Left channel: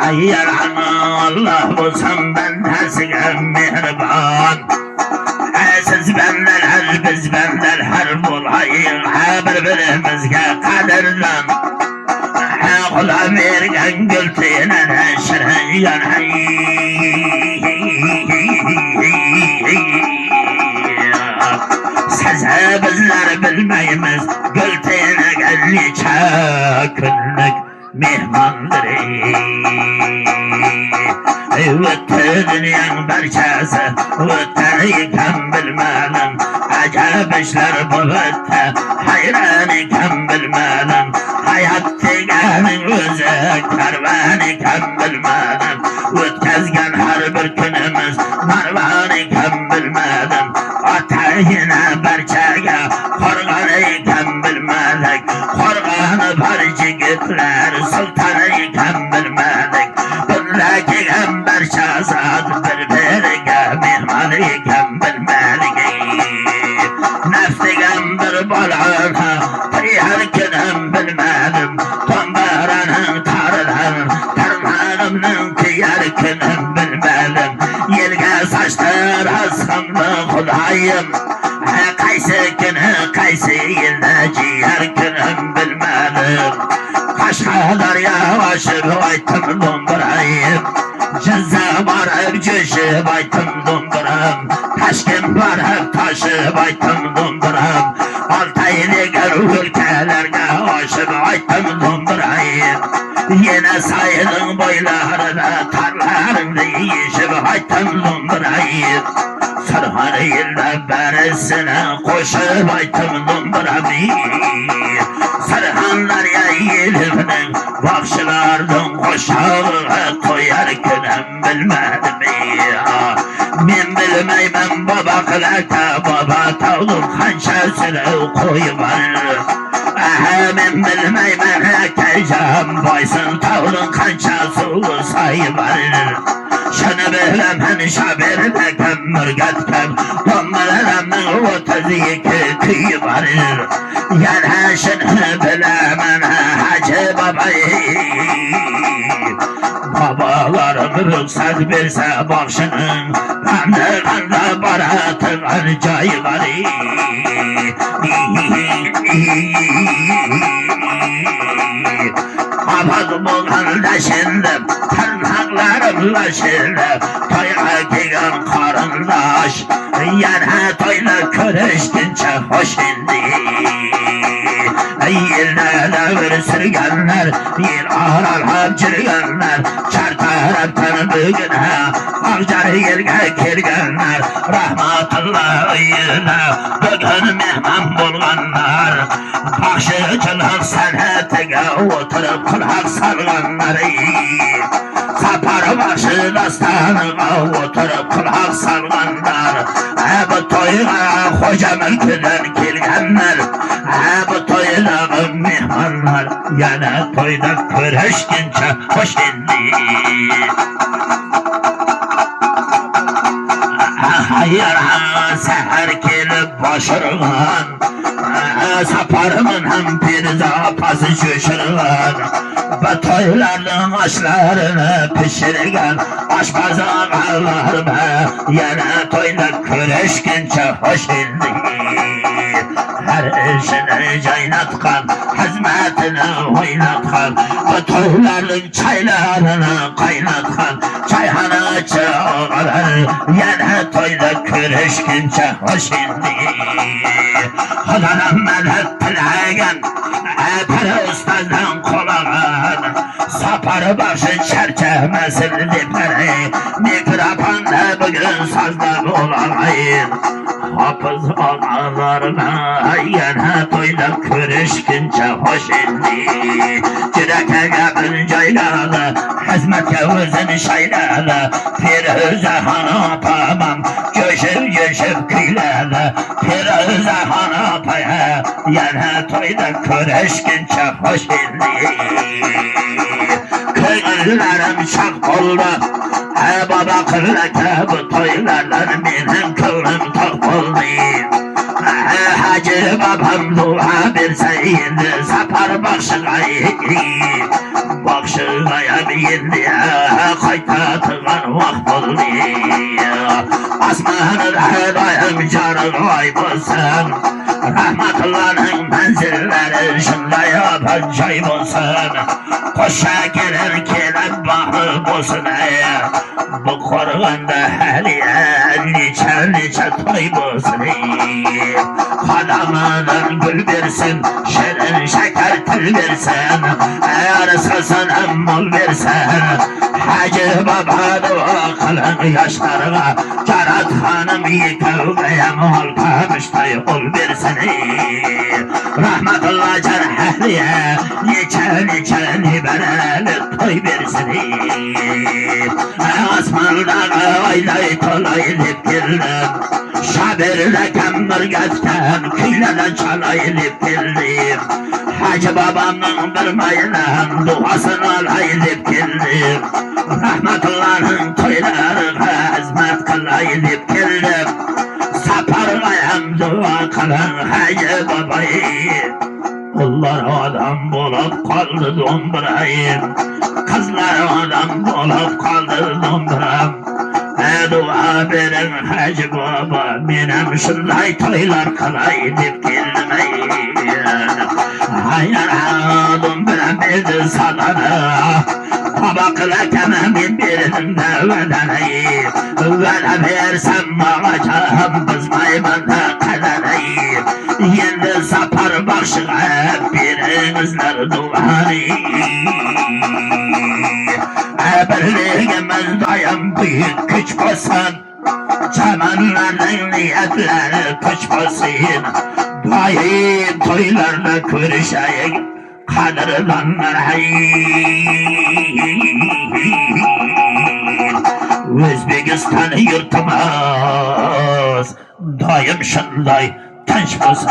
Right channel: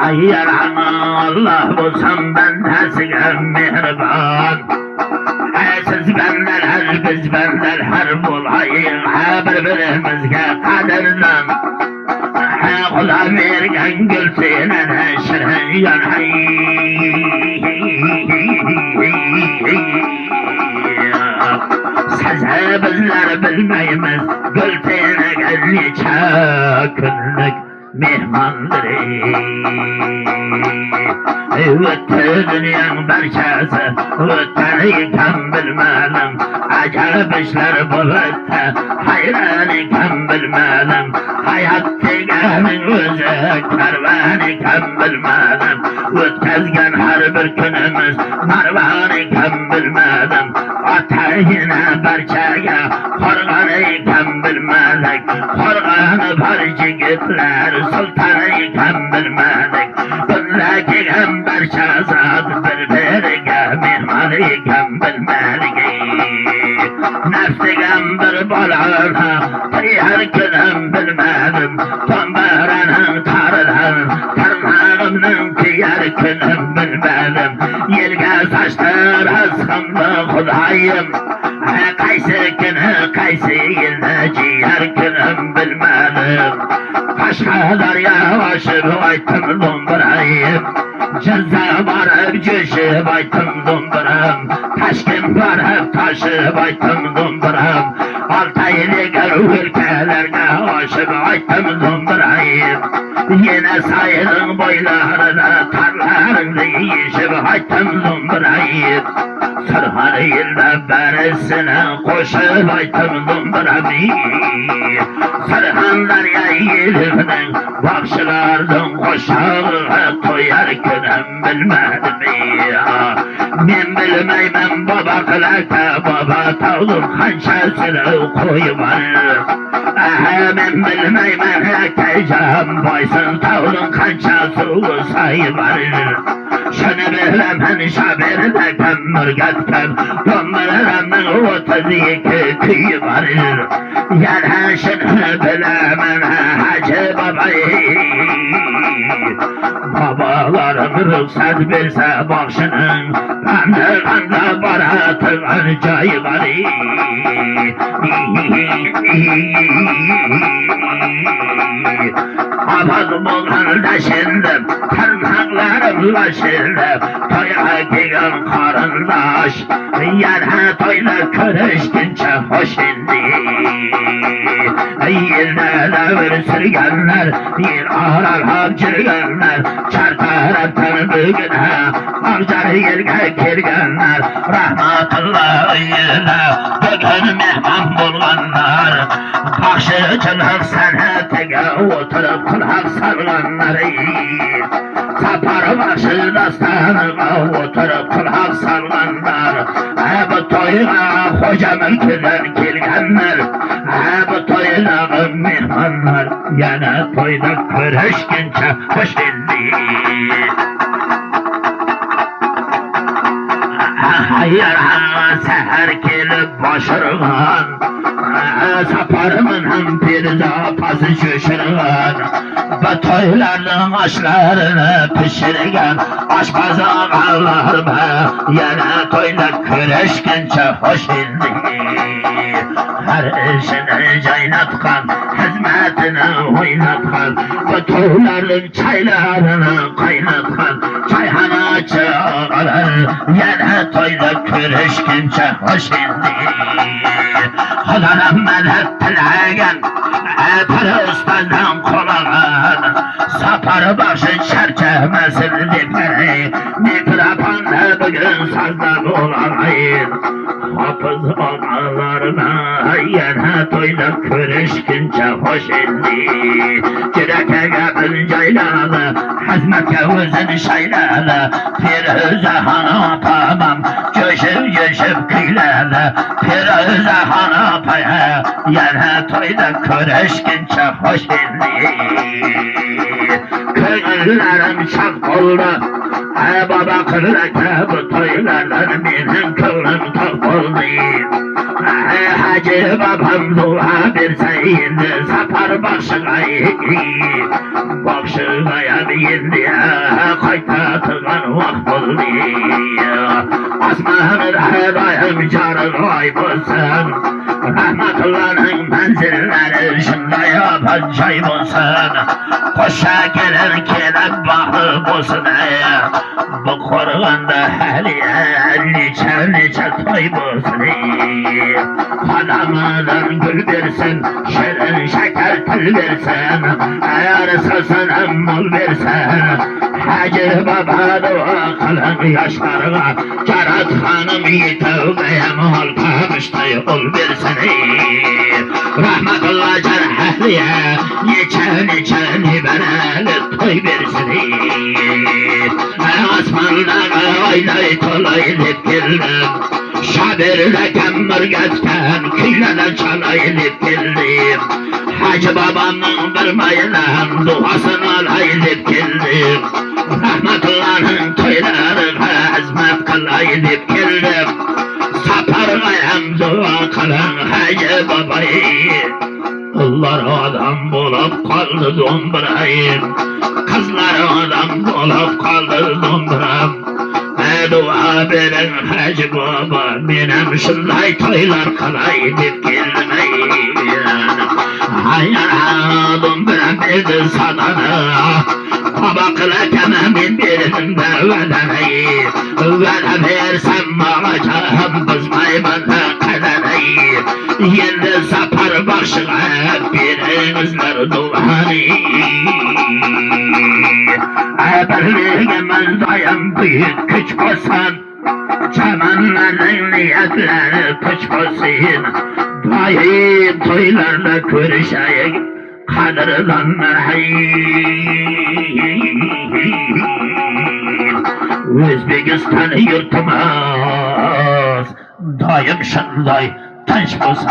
Hayır Allah olsam ben size mehriban. Siz benden her biz benden her bulayın birbirimizge kaderden. Kula vergen gültüyle şirin size bizler bilmeyimiz gültüyle gellice günlük mehmandır. Öttü dünyanın barçası, ötteniken bilmedim. Acayip işler bu ötte, hayraniken bilmedim. Hayat degenin özü, kervaniken bilmedim. Ötkezgen her bir günümüz, marvaniken bilmedim. Atayına barçaga, korganiken bilmedik. Korganı barcı gitler, sultanıyken bilmedik. Buradaki gamber şahzad birbirine mihmanıyken bilmedik. Nefsi gamber balağına tıyarken bilmedim. Tombaranın tarıdan tırnağımın kıyarken bilmedim. Yelge saçlar askamda kudayım. Kaysı günü kaysı yılda ciyarken bilmedim. Kaşkadar yavaşı baytım dombrayım. Ceza var hep cüşı baytım dombrayım. Taşkın var hep taşı baytım dombrayım. Altaylı gör ülkelerine aşı baytım dombrayım. Yine sayılın boylarına tarlarını yiyişi baytım dombrayım. Sarhanıyla beresine koşu baytım dombrayım. Sarhanlar yayılının bakşılardan koşağı koyarken bilmedim ya. Ben bilmeyim baba kılaka baba tavlum hançasını koyuvar. Ben bilmeyim erkeceğim boysun tavlun kançası sayıvar. Şunu bilemen şabirde kemmürgetken Domlarımın 32 kıyı var. Yani şunu bilemen Hacı babayı. Babalarım ruhsat verse bakşının Bende kanda baratın arcayı var. Abad bulan şimdi tırnaklarımla şimdi toya giyen karındaş yana toyla körüşkünce hoş indi. Yerlere sürgenler yer arar hapçırgenler çar taraftan bugüne avcar yerge kirgenler rahmatullah yine bugün mehman bulganlar bakşıcılık sanatına oturup kulak salganlar sapar başı dastanına oturup kulak salganlar bu toyuna hoca mülküden kirgenler bu toyuna mehmanlar yana toyda körüşkünce hoş indi. Hayır seher kelip başırgan saparımın hem bir zapası şüşürgan bu toyların aşlarını pişirgen aşpazı ağlarıma yana toyda körüşkünce hoş indi. Her işini caynatkan, hizmetini oynatkan bu toyların çaylarını kaynatkan çayhana çağırır yana toyda körüşkünce hoş indi. Hadanım ben hep tilagen para ustazdan kolağın sapar başı çerçemesini dipleri mikrofanda bugün sazda olayım. Hafız ağalarına yana toyda körüşkünce hoş indi. Cüreke yakın caylalı hizmet gavuzun şaylalı Firuze hanı papam göşüp göşüp kıylalı Firuze hanı paya yana toyda körüşkünce hoş indi. Kırlarım şak oldu baba kırlaka bu toylardan benim kılım tok oldu. Hacı babam dua verseydi sapar bakşığa bakşı Sapırgaya bindi Kaytatıgan vakt oldu Asmanı dayım carı aybolsun Rahmetullah'ın menzilleri şunday acayip olsun Koşa gelen kelem bakı olsun Bu korganda haliye nice toy olsun Kadamadan gül versin şirin şeker tül versin Eğer sasın mul versin Hacı baba dua kılın yaşlarına Carat hanım yıkılgaya mal kamıştay ol versin Rahmetullah can ehliye nice liberali toy versin Asmandan aylayı tolaylıp girdim Şabirle kemmürgetken küyleden çalaylıp girdim Hacı babamın bir mayılan duasını alaylıp girdim Rahmetullah'ın toylarına hizmet kılaylıp girdim Sapargayam dua kılan Hacı babayı Kızlar adam bulup kaldı dombrayım Kızlar adam bulup kaldı dombrayım Dua verin Hacı baba benim şunday toylar kalaydıp gelmeyin Hayır dombra bir sadana Babakla tamamen birinde vedemeyi Vede versem ağacağım kızmayı bana kadereyi Yerde sapar başına birinizler duvarı Birliğimiz dayan büyük güç olsun Çamanların niyetleri tuç olsun Duayı toylarla görüşeyim Kadırlanlar Özbekistan yurtumuz Daim şunday tanış olsun